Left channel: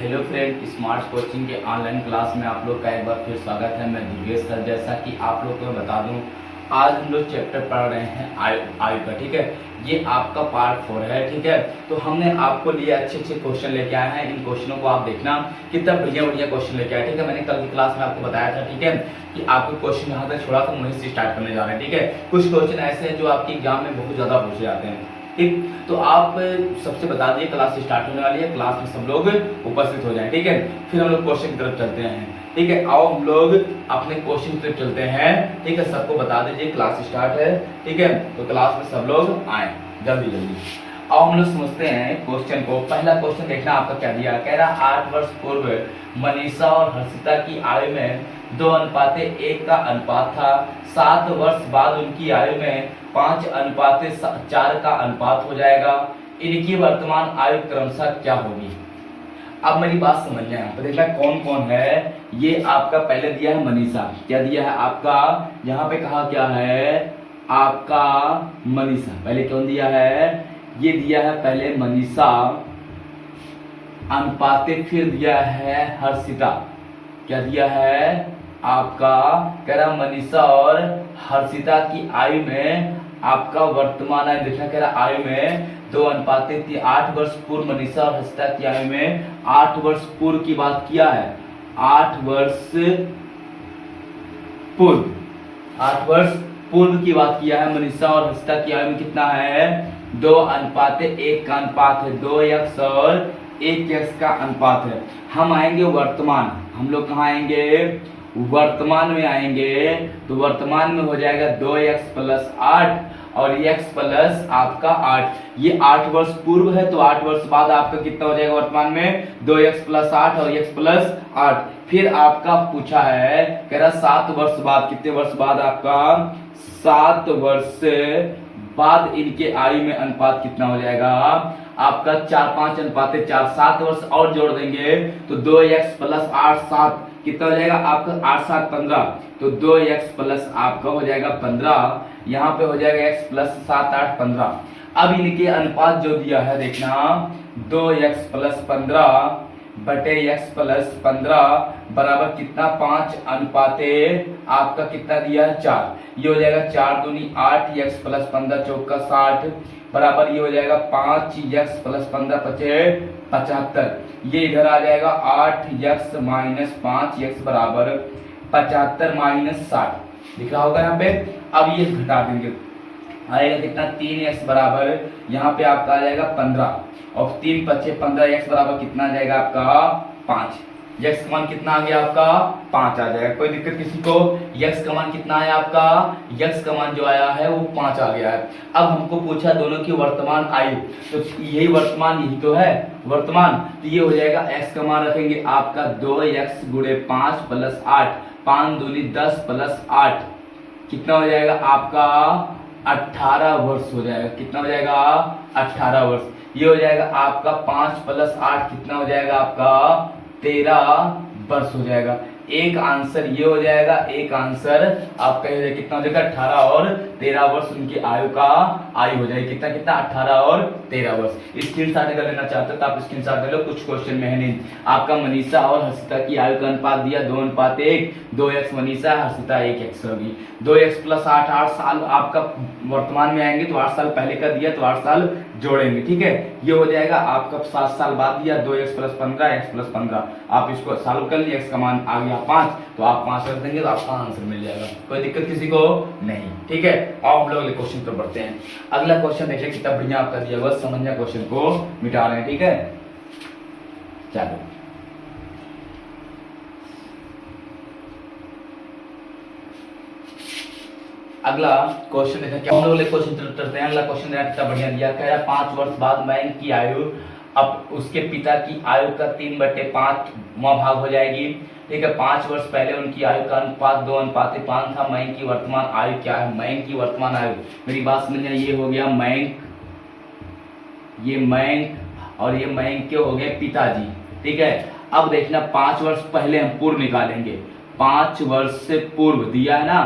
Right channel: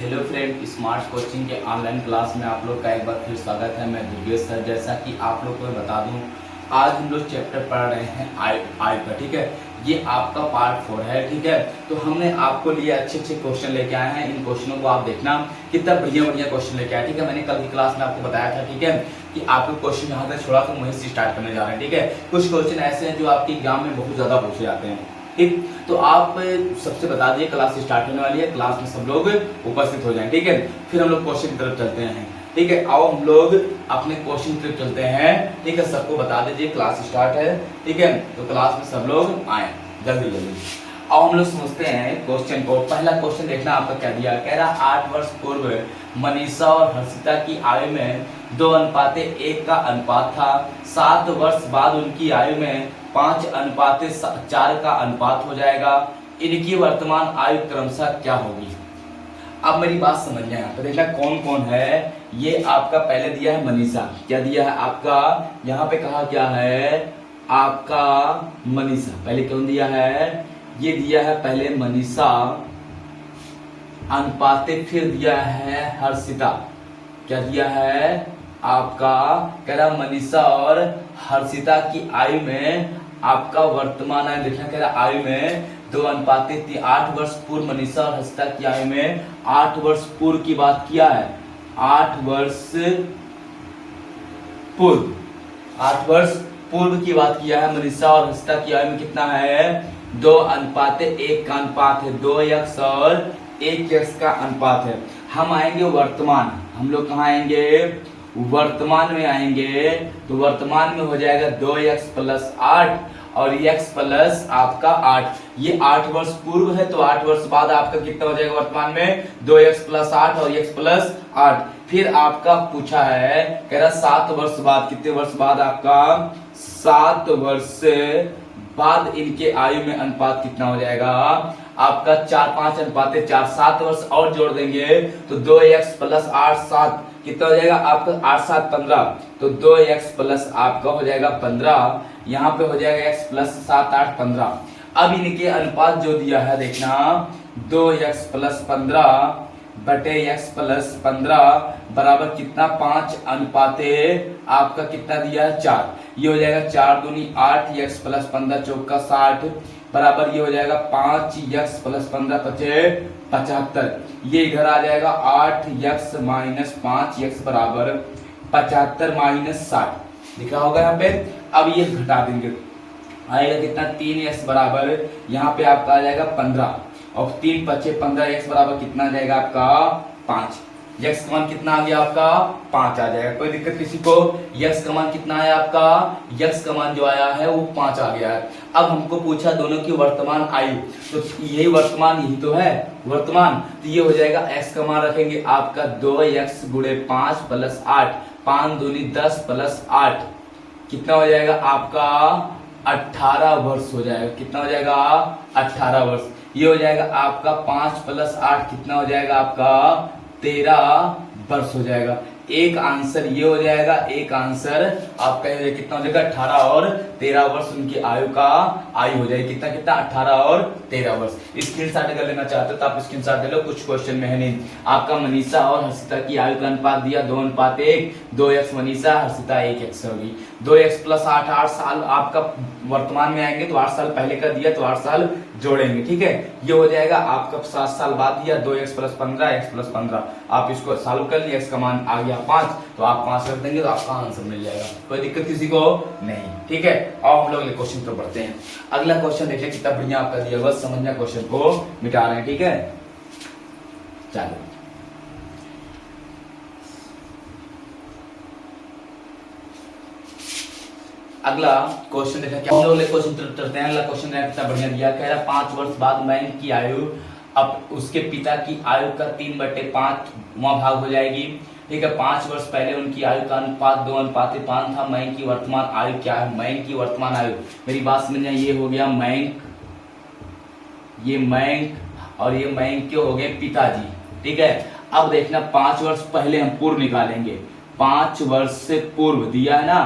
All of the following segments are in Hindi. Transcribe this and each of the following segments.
हेलो फ्रेंड, स्मार्ट कोचिंग के ऑनलाइन क्लास में आप लोग का एक बार फिर स्वागत है। मैं दुर्गेश सर। जैसा कि आप लोग को बता दूं, आज हम लोग चैप्टर पढ़ रहे हैं आयु का। ठीक है, ये आपका पार्ट 4 है। ठीक है, तो हमने आपको लिए अच्छे क्वेश्चन लेके आए हैं। इन क्वेश्चनों को आप देखना कितना बढ़िया क्वेश्चन लेके आए। ठीक है, मैंने कल की क्लास में आपको बताया था, ठीक है, कि आपको क्वेश्चन यहाँ से छोड़ा तो वहीं से स्टार्ट करने जा रहे हैं। ठीक है, कुछ क्वेश्चन ऐसे हैं जो आपके एग्जाम में बहुत ज्यादा पूछे जाते हैं। ठीक, तो आप सबसे बता दिए क्लास स्टार्ट होने वाली है, क्लास में सब लोग उपस्थित हो जाएं। ठीक है, फिर हम लोग क्वेश्चन की तरफ चलते हैं। ठीक है, आओ हम लोग अपने क्वेश्चन की तरफ चलते हैं। ठीक है, सबको बता दीजिए क्लास स्टार्ट है। ठीक है, तो क्लास में सब लोग आए जल्दी। अब हम लोग समझते हैं क्वेश्चन को। पहला क्वेश्चन देखना आपका क्या दिया। कह रहा 8 वर्ष पूर्व मनीषा और हर्षिता की आयु में 2:1 का अनुपात था। 7 वर्ष बाद उनकी आयु में 5:4 का अनुपात हो जाएगा। इनकी वर्तमान आयु क्रमशः क्या होगी। अब मेरी बात समझ लें, यहाँ पे देखना कौन कौन है। ये आपका पहले दिया है मनीषा, क्या दिया है आपका, यहाँ पे कहा क्या है आपका मनीषा। पहले कौन दिया है, ये दिया है पहले मनीषा अनुपाते, फिर दिया है हर्षिता। क्या दिया है आपका, कह रहा मनीषा और हर्षिता की आयु में आपका वर्तमान आयु देखना। कह रहा आयु में 2:3। 8 वर्ष पूर्व मनीषा और हर्षिता की आयु में 8 वर्ष पूर्व की बात किया है। 8 वर्ष पूर्व की बात किया है। मनीषा और हर्षिता की आयु में कितना है, 2:1 का अनुपात है। 2x और 1x का अनुपात है। हम आएंगे वर्तमान, हम लोग कहाँ आएंगे, वर्तमान में आएंगे। तो वर्तमान में हो जाएगा 2x + 8 और x प्लस आपका 8। ये 8 वर्ष पूर्व है, तो 8 वर्ष बाद आपका कितना हो जाएगा वर्तमान में, 2x + 8 और x + 8। फिर आपका पूछा है, कह रहा 7 वर्ष बाद, कितने वर्ष बाद आपका, 7 वर्ष बाद इनके आयु में अनुपात कितना हो जाएगा आपका, 4:5 7 वर्ष और जोड़ देंगे तो 2x + 8 7 कितना हो जाएगा आपका, 8 7 15। तो 2x प्लस आपका हो जाएगा 15। यहाँ पे हो जाएगा x + 7 8 15। अब इनके अनुपात जो दिया है देखना, 2x + 15 बटे x + 15 बराबर कितना, 5:, आपका कितना दिया है 4। ये हो जाएगा 4 दूनी 8, x + 15 चौका 60 बराबर ये हो जाएगा 5x + 15 = 75। ये इधर आ जाएगा 8x - 5x बराबर 75 - 60 दिख रहा होगा यहाँ पे। अब ये घटा देंगे, आएगा कितना, 3x बराबर यहाँ पे आपका आ जाएगा 15 और 3 × 5 = 15। x बराबर कितना आ जाएगा आपका 5। x का मान कितना आ गया आपका 5 आ जाएगा। कोई दिक्कत किसी को, x का मान कितना है आपका, x का मान जो आया है वो 5 आ गया है। अब हमको पूछा दोनों की वर्तमान आयु, तो यही वर्तमान, यही तो है वर्तमान। तो ये हो जाएगा x का मान रखेंगे आपका 2x × 5 + 8, 5 दूनी 10 + 8 कितना हो जाएगा आपका 18 वर्ष हो जाएगा। कितना हो जाएगा 18 वर्ष। ये हो जाएगा आपका 5 + 8 कितना हो जाएगा आपका 13 वर्ष हो जाएगा। एक आंसर ये हो जाएगा, एक आंसर आपका कितना हो जाएगा 18 और 13 वर्ष उनकी आयु हो जाएगी। कितना 18 और 13 वर्ष। स्क्रीनशॉट अगर लेना चाहते हो तो आप स्क्रीनशॉट ले लो, कुछ क्वेश्चन में है नहीं। आपका मनीषा और हर्षिता की आयु का अनुपात दिया 2:1, 2x मनीषा हर्षिता 1x होगी। 2x + 8 8 साल आपका वर्तमान में आएंगे तो 8 साल पहले का दिया तो 8 साल जोड़ेंगे। ठीक है, ये हो जाएगा आपका 7 साल बाद दिया 2x + 15 x + 15। आप इसको सॉल्व कर लिए, x का मान आ गया 5 तो आप 5 रख देंगे तो आपका आंसर मिल जाएगा। कोई दिक्कत किसी को नहीं। ठीक है, और हम लोग अगले क्वेश्चन पर बढ़ते हैं। अगला क्वेश्चन देखिए कितना बढ़िया आपका दिया हुआ, समझना क्वेश्चन को मिटा रहे हैं। ठीक है, चलो अगला क्वेश्चन देखा क्या हम लोग क्वेश्चन करते हैं। अगला क्वेश्चन कितना बढ़िया दिया, कह रहा 5 वर्ष बाद मैन की आयु अब उसके पिता की आयु का 3/5वां भाग हो जाएगी। ठीक है, 5 वर्ष पहले उनकी आयु का अनुपात 2:5 था। मैन की वर्तमान आयु क्या है, मैन की वर्तमान आयु, मेरी बात समझना, ये हो गया मैंक, ये मैंक और ये मैंक के हो गए पिताजी। ठीक है, अब देखना 5 वर्ष पहले हम पूर्व निकालेंगे। 5 वर्ष से पूर्व दिया है ना,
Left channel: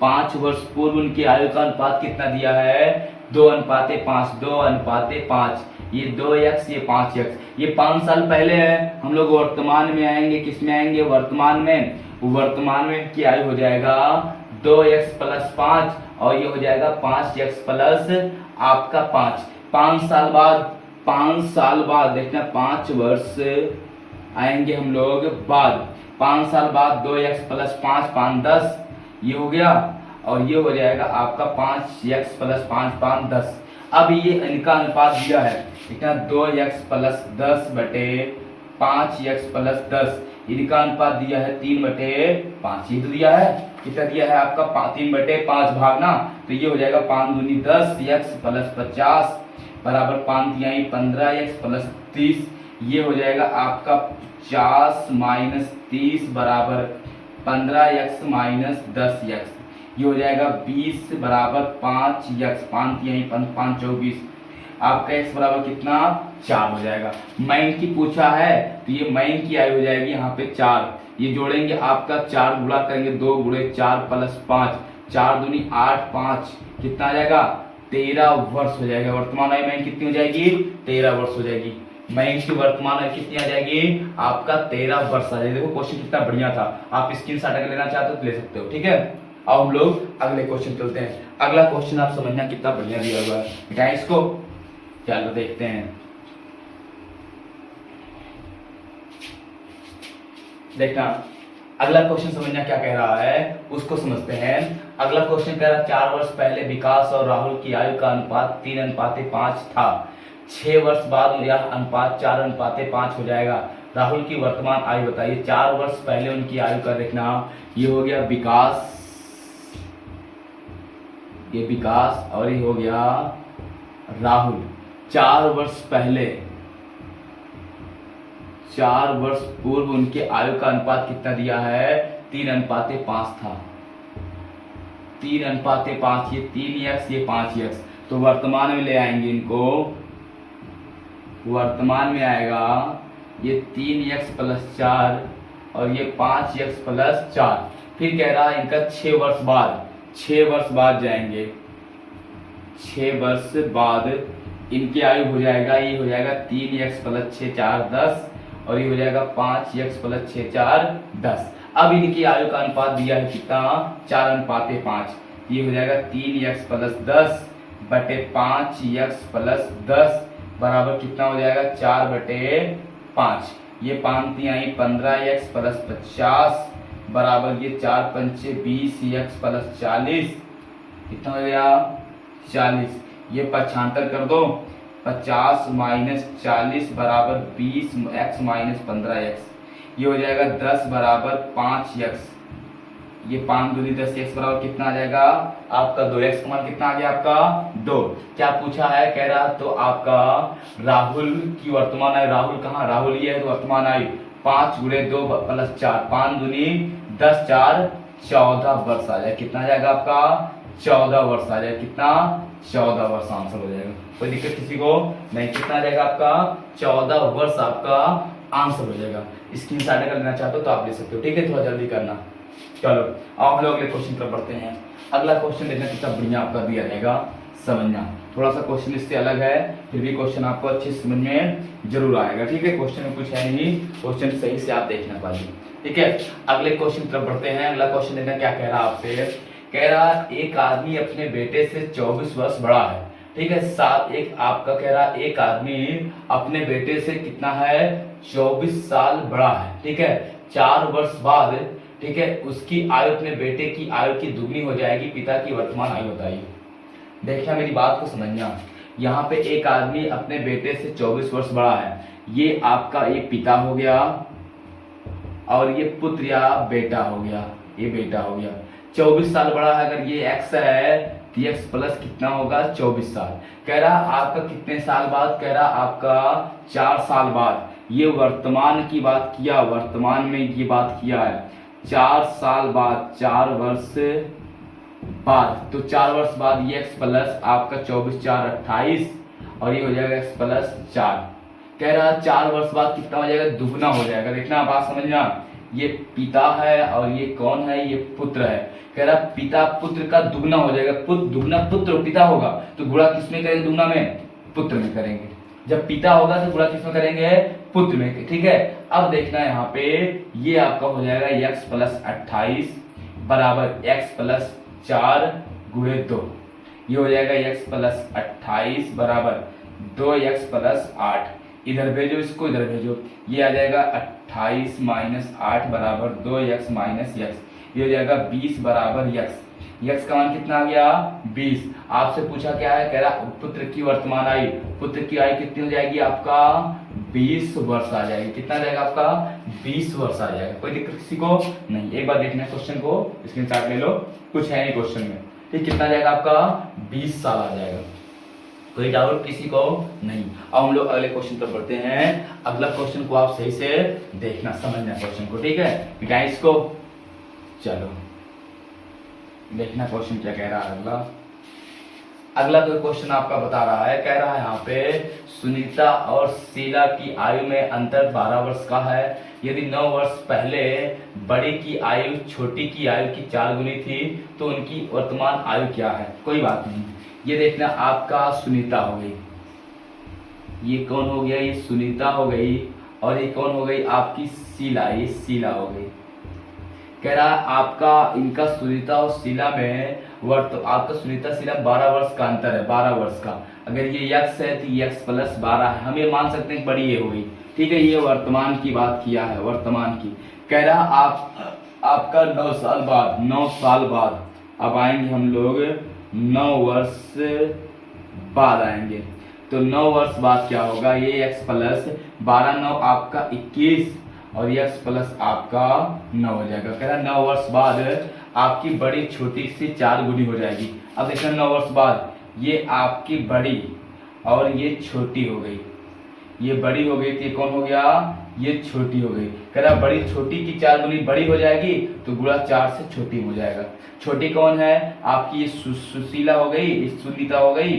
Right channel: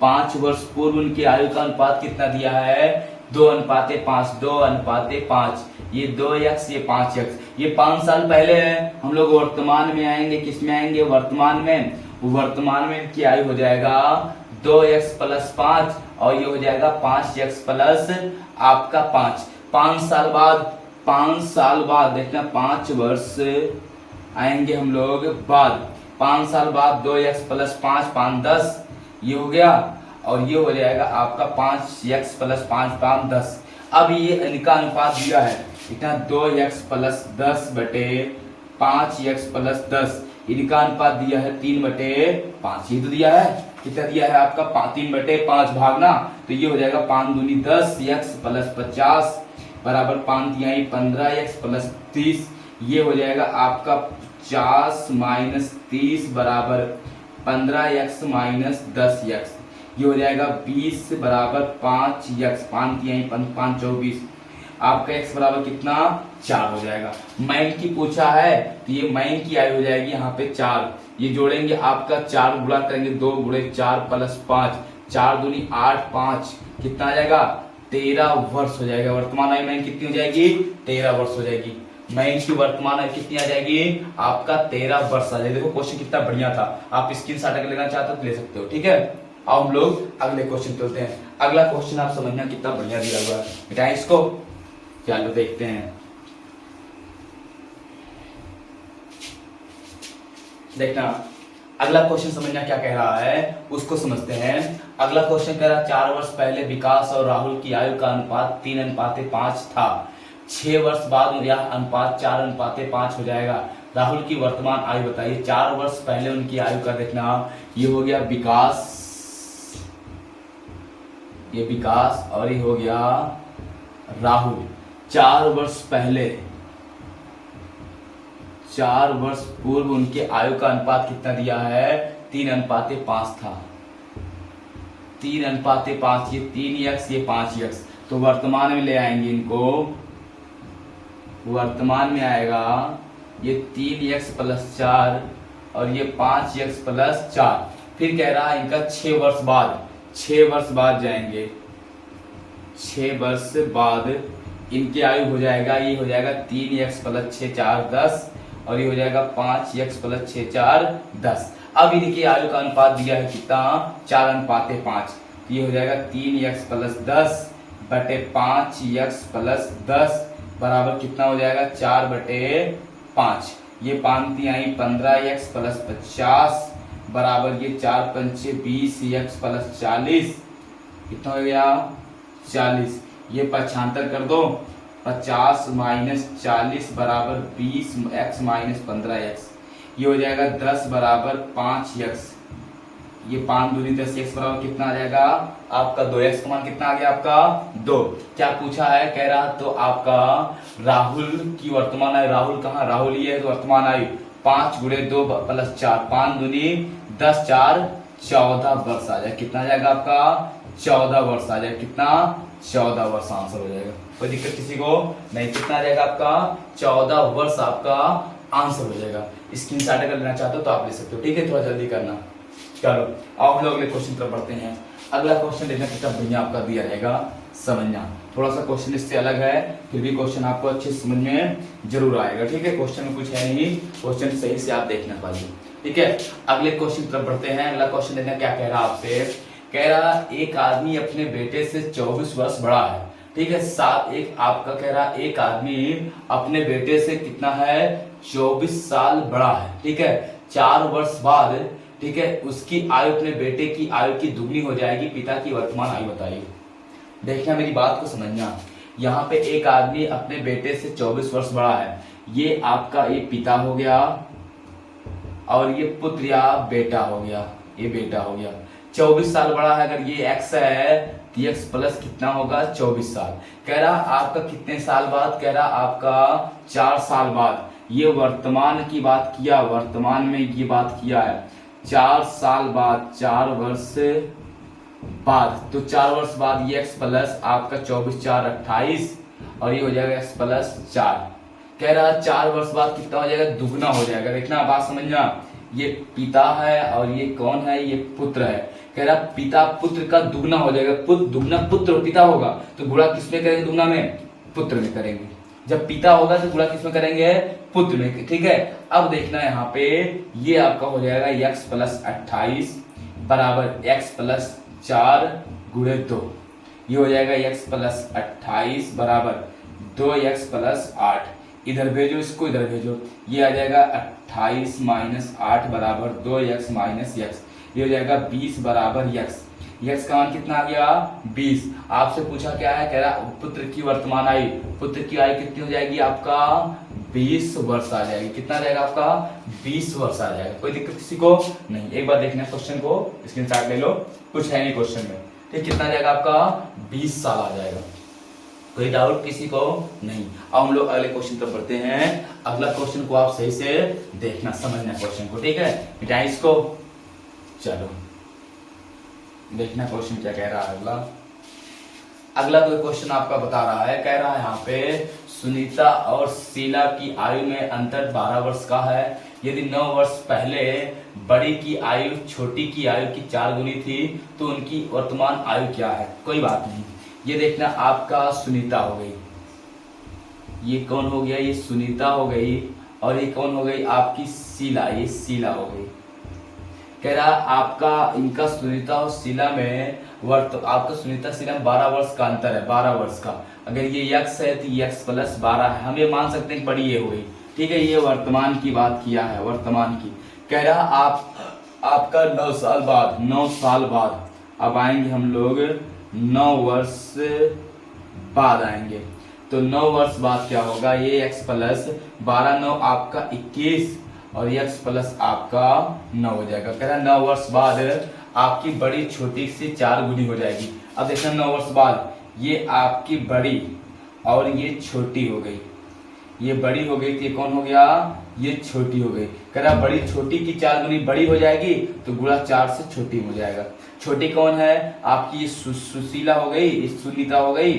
5 वर्ष पूर्व उनकी आयु का अनुपात कितना दिया है, 2:5, 2:5, ये 2x ये 5x, ये 5 साल पहले है। हम लोग वर्तमान में आएंगे, किस में आएंगे? वर्तमान में। वर्तमान में क्या आयु हो जाएगा? 2x + 5 और ये हो जाएगा 5x प्लस आपका 5। 5 साल बाद देखना, 5 वर्ष आएंगे हम लोग बाद। 5 साल बाद 2x + 5, 5 10, ये हो गया। और ये हो जाएगा आपका 5x + 5, 5 10। अब ये इनका अनुपात दिया है इतना 2x + 10 बटे 5x + 10, इनका अनुपात दिया है 3/5। ये तो दिया है, कितना दिया है आपका 3/5 भागना, तो ये हो जाएगा 5 दूनी 10, x + 50 बराबर 5 तिहाई 15x + 30। ये हो जाएगा आपका 50 - 30 बराबर 15x - 10x। ये हो जाएगा 20 बराबर 5x, 5 तिहाई 5 24, आपका x बराबर कितना? 4 हो जाएगा। मैन की पूछा है तो ये मैन की आयु हो जाएगी यहाँ पे 4। ये जोड़ेंगे आपका 4 गुणा करेंगे 2 × 4 + 5, 4 दूनी 8, 5 कितना आ जाएगा? 13 वर्ष हो जाएगा। वर्तमान आयु मैन कितनी हो जाएगी? 13 वर्ष हो जाएगी। मैन की वर्तमान आयु कितनी आ जाएगी? आपका 13 वर्ष आ जाएगी। देखो क्वेश्चन कितना बढ़िया था, आप स्क्रीनशॉट अगर लेना चाहते हो तो ले सकते हो। ठीक है, अब हम लोग अगले क्वेश्चन चलते हैं। अगला क्वेश्चन आप समझना कितना बढ़िया दिया हुआ है, बेटा इसको चलो देखते हैं। देखना अगला क्वेश्चन समझना क्या कह रहा है, उसको समझते हैं। अगला क्वेश्चन कह रहा है 4 वर्ष पहले विकास और राहुल की आयु का अनुपात 3:5 था। 6 वर्ष बाद यह अनुपात 4:5 हो जाएगा। राहुल की वर्तमान आयु बताइए। 4 वर्ष पहले उनकी आयु का देखना, ये हो गया विकास, ये विकास और ये हो गया राहुल। 4 वर्ष पहले, 4 वर्ष पूर्व उनके आयु का अनुपात कितना दिया है? 3:5 था। 3:5, ये 3x ये 5x, तो वर्तमान में ले आएंगे इनको। वर्तमान में आएगा ये 3x + 4 और ये 5x + 4। फिर कह रहा है इनका 6 वर्ष बाद, 6 वर्ष बाद जाएंगे। 6 वर्ष बाद इनकी आयु हो जाएगा, ये हो जाएगा 3x + 6 4 10 और ये हो जाएगा 5x + 6 4 10। अब इनकी आयु का अनुपात दिया है कितना? 4:5। ये हो जाएगा 3x + 10 बटे 5x + 10 बराबर कितना हो जाएगा? 4/5। ये 5 तिहाई 15x + 50 बराबर ये 4 पंचे 20x + 40, कितना हो गया? 40। ये 75 कर दो, 50 - 40 बराबर 20x - 15x। ये हो जाएगा 10 बराबर 5x। ये 5 दूनी 10x बराबर कितना आ जाएगा? आपका 2x का मान कितना आ गया? आपका 2। क्या पूछा है? कह रहा तो आपका राहुल की वर्तमान आयु, राहुल कहाँ? राहुल ये है तो वर्तमान आयु 5 × 2 + 4, 5 दूनी 10 4 14 वर्ष आ जाए। कितना आ जाएगा आपका? 14 वर्ष आ जाए। कितना? 14 वर्ष आंसर हो जाएगा। कोई दिक्कत किसी को नहीं? कितना आ जाएगा आपका? 14 वर्ष आपका आंसर हो जाएगा। स्क्रीनशॉट अगर लेना चाहते हो तो आप ले सकते हो। ठीक है, थोड़ा जल्दी करना। चलो अब हम लोग अगले क्वेश्चन तरफ बढ़ते हैं। अगला क्वेश्चन देखना कितना बढ़िया आपका दिया रहेगा, समझना। थोड़ा सा क्वेश्चन इससे अलग है, फिर भी क्वेश्चन आपको अच्छे समझ में जरूर आएगा। ठीक है, क्वेश्चन में कुछ है नहीं, क्वेश्चन सही से आप देखना पाइए। ठीक है, अगले क्वेश्चन तरफ बढ़ते हैं। अगला क्वेश्चन देखना क्या कह रहा है आपसे। कह रहा एक आदमी अपने बेटे से 24 वर्ष बड़ा है। ठीक है, साथ एक आपका कह रहा एक आदमी अपने बेटे से कितना है? 24 साल बड़ा है। ठीक है, 4 वर्ष बाद, ठीक है, उसकी आयु अपने बेटे की आयु की दुगनी हो जाएगी। पिता की वर्तमान आयु बताइए। देखना मेरी बात को समझना। यहाँ पे एक आदमी अपने बेटे से 24 वर्ष बड़ा है। ये आपका एक पिता हो गया और ये पुत्र या बेटा हो गया, ये बेटा हो गया। 24 साल बड़ा है। अगर ये x है तो x प्लस कितना होगा? 24 साल। कह रहा आपका कितने साल बाद? कह रहा आपका 4 साल बाद। ये वर्तमान की बात किया, वर्तमान में ये बात किया है। 4 साल बाद, 4 वर्ष बाद, तो 4 वर्ष बाद ये x प्लस आपका 24 4 28 और ये हो जाएगा x प्लस 4। कह रहा 4 वर्ष बाद कितना हो जाएगा? दुगना हो जाएगा। देखना बात समझना, ये पिता है और ये कौन है, ये पुत्र है। कह रहा पिता पुत्र का दुगना हो जाएगा, दुगना पुत्र पिता होगा तो गुणा किसमें करेंगे, दुगना में पुत्र में करेंगे। जब पिता होगा तो गुणा किसमें करेंगे, पुत्र में। ठीक है, अब देखना यहाँ पे ये आपका हो जाएगा x प्लस 28 बराबर x प्लस 4 गुणे 2। ये हो जाएगा x प्लस 28 बराबर 2x प्लस 8। इधर भेजो इसको, इधर भेजो, ये आ जाएगा 28 माइनस 8 बराबर 2x माइनस x। ये हो जाएगा 20 बराबर x। x का मान कितना आ गया, 20। आपसे पूछा क्या है, कह रहा पुत्र की वर्तमान आयु, पुत्र की आयु कितनी हो जाएगी आपका 20 वर्ष आ जाएगी। कितना रहेगा आपका 20 वर्ष आ जाएगा। कोई दिक्कत किसी को नहीं। एक बार देखना क्वेश्चन को, स्क्रीनशॉट ले लो, कुछ है नहीं क्वेश्चन में। ठीक, कितना रहेगा आपका 20 साल आ जाएगा। कोई डाउट किसी को नहीं। अब हम लोग अगले क्वेश्चन पर बढ़ते हैं। अगला क्वेश्चन को आप सही से देखना, समझना क्वेश्चन को। ठीक है, मिटाएं इसको। चलो देखना क्वेश्चन क्या कह रहा है। अगला कोई क्वेश्चन आपका बता रहा है, कह रहा है यहाँ पे सुनीता और शीला की आयु में अंतर 12 वर्ष का है। यदि 9 वर्ष पहले बड़ी की आयु छोटी की आयु की 4 गुनी थी तो उनकी वर्तमान आयु क्या है। कोई बात नहीं, ये देखना आपका सुनीता हो गई, ये कौन हो गया, ये सुनीता हो गई, और ये कौन हो गई आपकी शीला, ये शीला हो गई। कह रहा आपका इनका सुनीता और शीला में आपका सुनीता शीला में 12 वर्ष का अंतर है, 12 वर्ष का। अगर ये x है तो ये x प्लस 12 है। हम ये मान सकते हैं बड़ी ये हो गई। ठीक है, ये वर्तमान की बात किया है, वर्तमान की। कह रहा आपका 9 साल बाद, 9 साल बाद अब आएंगे हम लोग, 9 वर्ष बाद आएंगे तो 9 वर्ष बाद क्या होगा, ये x प्लस 12 9 आपका 21 और x प्लस आपका 9 हो जाएगा। कह रहा 9 वर्ष बाद आपकी बड़ी छोटी से 4 गुनी हो जाएगी। अब देखना 9 वर्ष बाद ये आपकी बड़ी और ये छोटी हो गई, ये बड़ी हो गई तो ये कौन हो गया, ये छोटी हो गई। कह रहा बड़ी छोटी की 4 गुनी बड़ी हो जाएगी तो गुणा 4 से छोटी हो जाएगा। छोटी कौन है आपकी, ये सुशीला हो गई, ये सुनीता हो गई,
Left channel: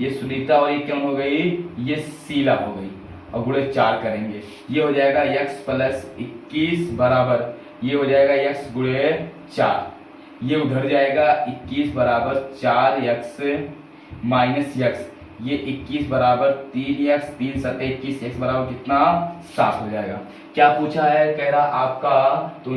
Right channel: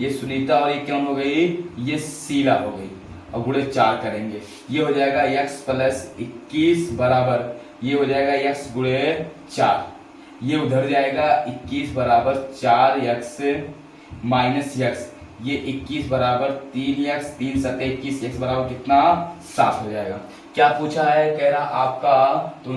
ये सुनीता, और ये कौन हो गई, ये शीला हो गई। और गुणे 4 करेंगे, ये हो जाएगा x प्लस 21 बराबर, ये हो जाएगा x गुणे 4, ये उधर जाएगा 21 बराबर 4x माइनस x, ये 21 बराबर 3x, 3 सत्ते 21, x बराबर कितना 7 हो जाएगा। क्या पूछा है, कह रहा आपका तो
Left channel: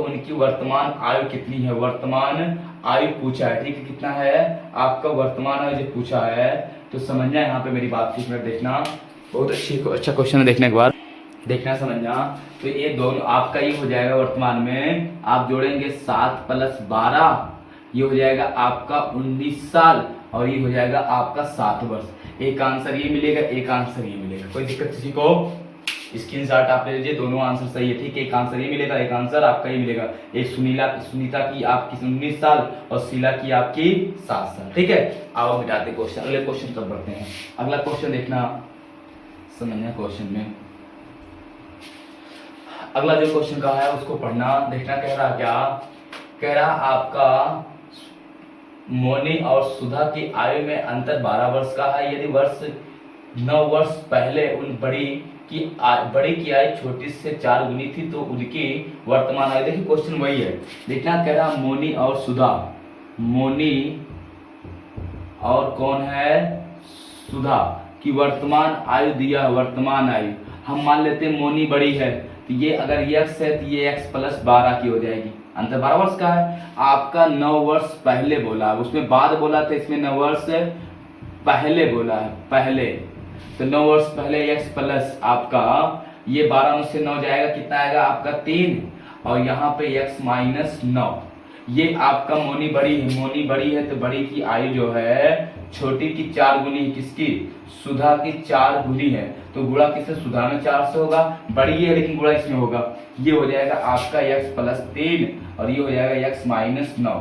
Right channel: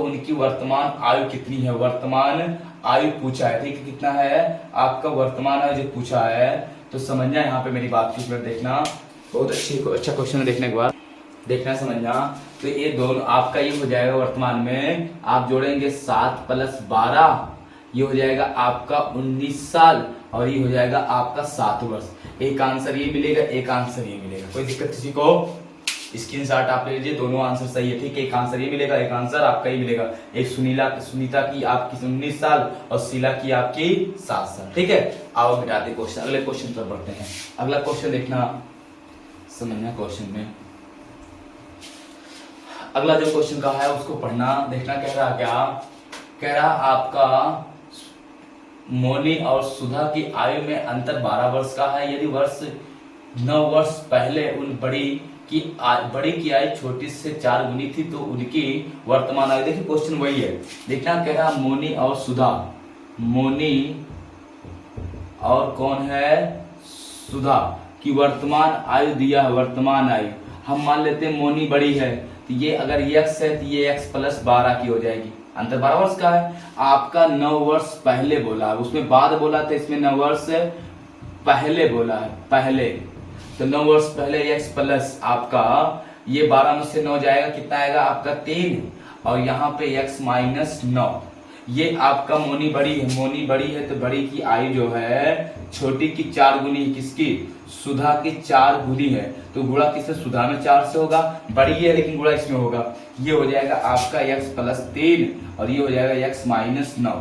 उनकी वर्तमान आयु कितनी है, वर्तमान आयु पूछा है। ठीक है, कितना है आपका वर्तमान आयु जो पूछा है, तो समझना यहाँ पे मेरी बात की देखना, बहुत अच्छा क्वेश्चन है। देखने के बाद देखना समझना, तो ये दोनों आपका ये हो जाएगा वर्तमान में, आप जोड़ेंगे 7 प्लस 12, ये हो जाएगा आपका 19 साल, और ये हो जाएगा आपका 7 वर्ष। एक आंसर ये मिलेगा, एक आंसर ये मिलेगा। कोई दिक्कत किसी को, स्क्रीनशॉट आप ले लीजिए, दोनों आंसर सही है। ठीक है, एक आंसर ये मिलेगा, एक आंसर आपका ही मिलेगा। एक सुनीता की आपकी 19 साल और शीला की आपकी 7 साल। ठीक है, आओ मिटाते क्वेश्चन, अगले क्वेश्चन पर बढ़ते हैं। अगला क्वेश्चन देखना, समझना क्वेश्चन में। अगला जो क्वेश्चन का है उसको पढ़ना, देखना कह रहा क्या, कह रहा आपका मोनी और सुधा की आयु में अंतर 12 वर्ष का है। यदि 9 वर्ष पहले उन बड़ी की आयु छोटी से 4 गुनी थी तो उनकी वर्तमान आयु, देखिए क्वेश्चन वही है। देखना कह रहा मोनी और सुधा, मोनी और कौन है, सुधा की वर्तमान आयु दिया है, वर्तमान आयु। हम मान लेते हैं मोनी बड़ी है तो ये अगर x है तो ये x प्लस 12 की हो जाएगी, अंतर 12 वर्ष का है। आपका 9 वर्ष पहले बोला, उसमें बाद बोला तो इसमें 9 वर्ष पहले बोला है, पहले, तो 9 वर्ष पहले x प्लस आपका ये 12 में से 9 जाएगा, कितना आएगा आपका 3, और यहाँ पे x माइनस 9। ये आपका मोनी बड़ी है तो बड़ी की आयु जो है छोटी की 4 गुनी, किसकी, सुधा की 4 गुनी है, तो गुणा किससे, सुधा में 4 से होगा, बड़ी है लेकिन गुणा इसमें होगा। ये हो जाएगा आपका x प्लस 3 और ये हो जाएगा x माइनस 9।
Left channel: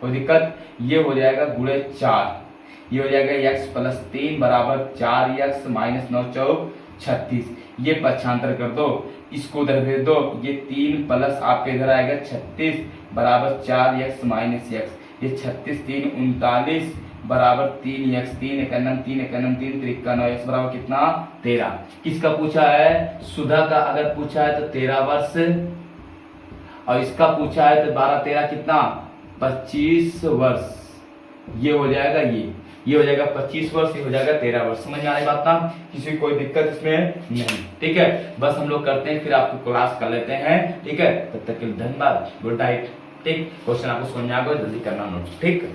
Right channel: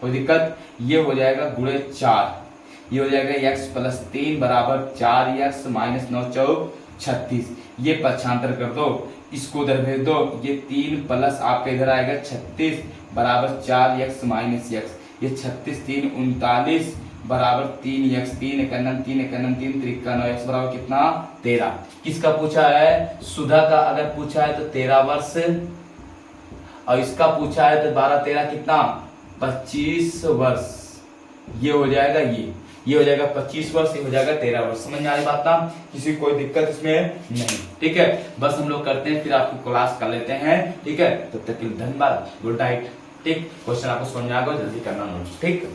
कोई दिक्कत, ये हो जाएगा गुणे 4, ये हो जाएगा x प्लस 3 बराबर 4x माइनस 9 चौक 36। ये पक्षांतर कर दो, इसको उधर भेज दो, ये 3 प्लस आपका इधर आएगा 36 बराबर 4x माइनस x, ये 36 3 39, बराबर 3x, 3 एकन्नम 3 एकन्नम 3 त्रिका 9x बराबर कितना 13। किसका पूछा है? सुधा का अगर पूछा है तो 13 वर्ष, और इसका पूछा है तो 12 13 कितना 25 वर्ष। ये हो जाएगा, ये हो जाएगा 25 वर्ष, ये हो जाएगा 13 वर्ष। समझ में आ रही बात ना? किसी को कोई दिक्कत इसमें नहीं, ठीक है। बस हम लोग करते हैं, फिर आपकी क्लास कर लेते हैं, ठीक है। तब तक के लिए धन्यवाद, गुड नाइट। ठीक, क्वेश्चन आपको समझ में आ गया, जल्दी करना नोट, ठीक।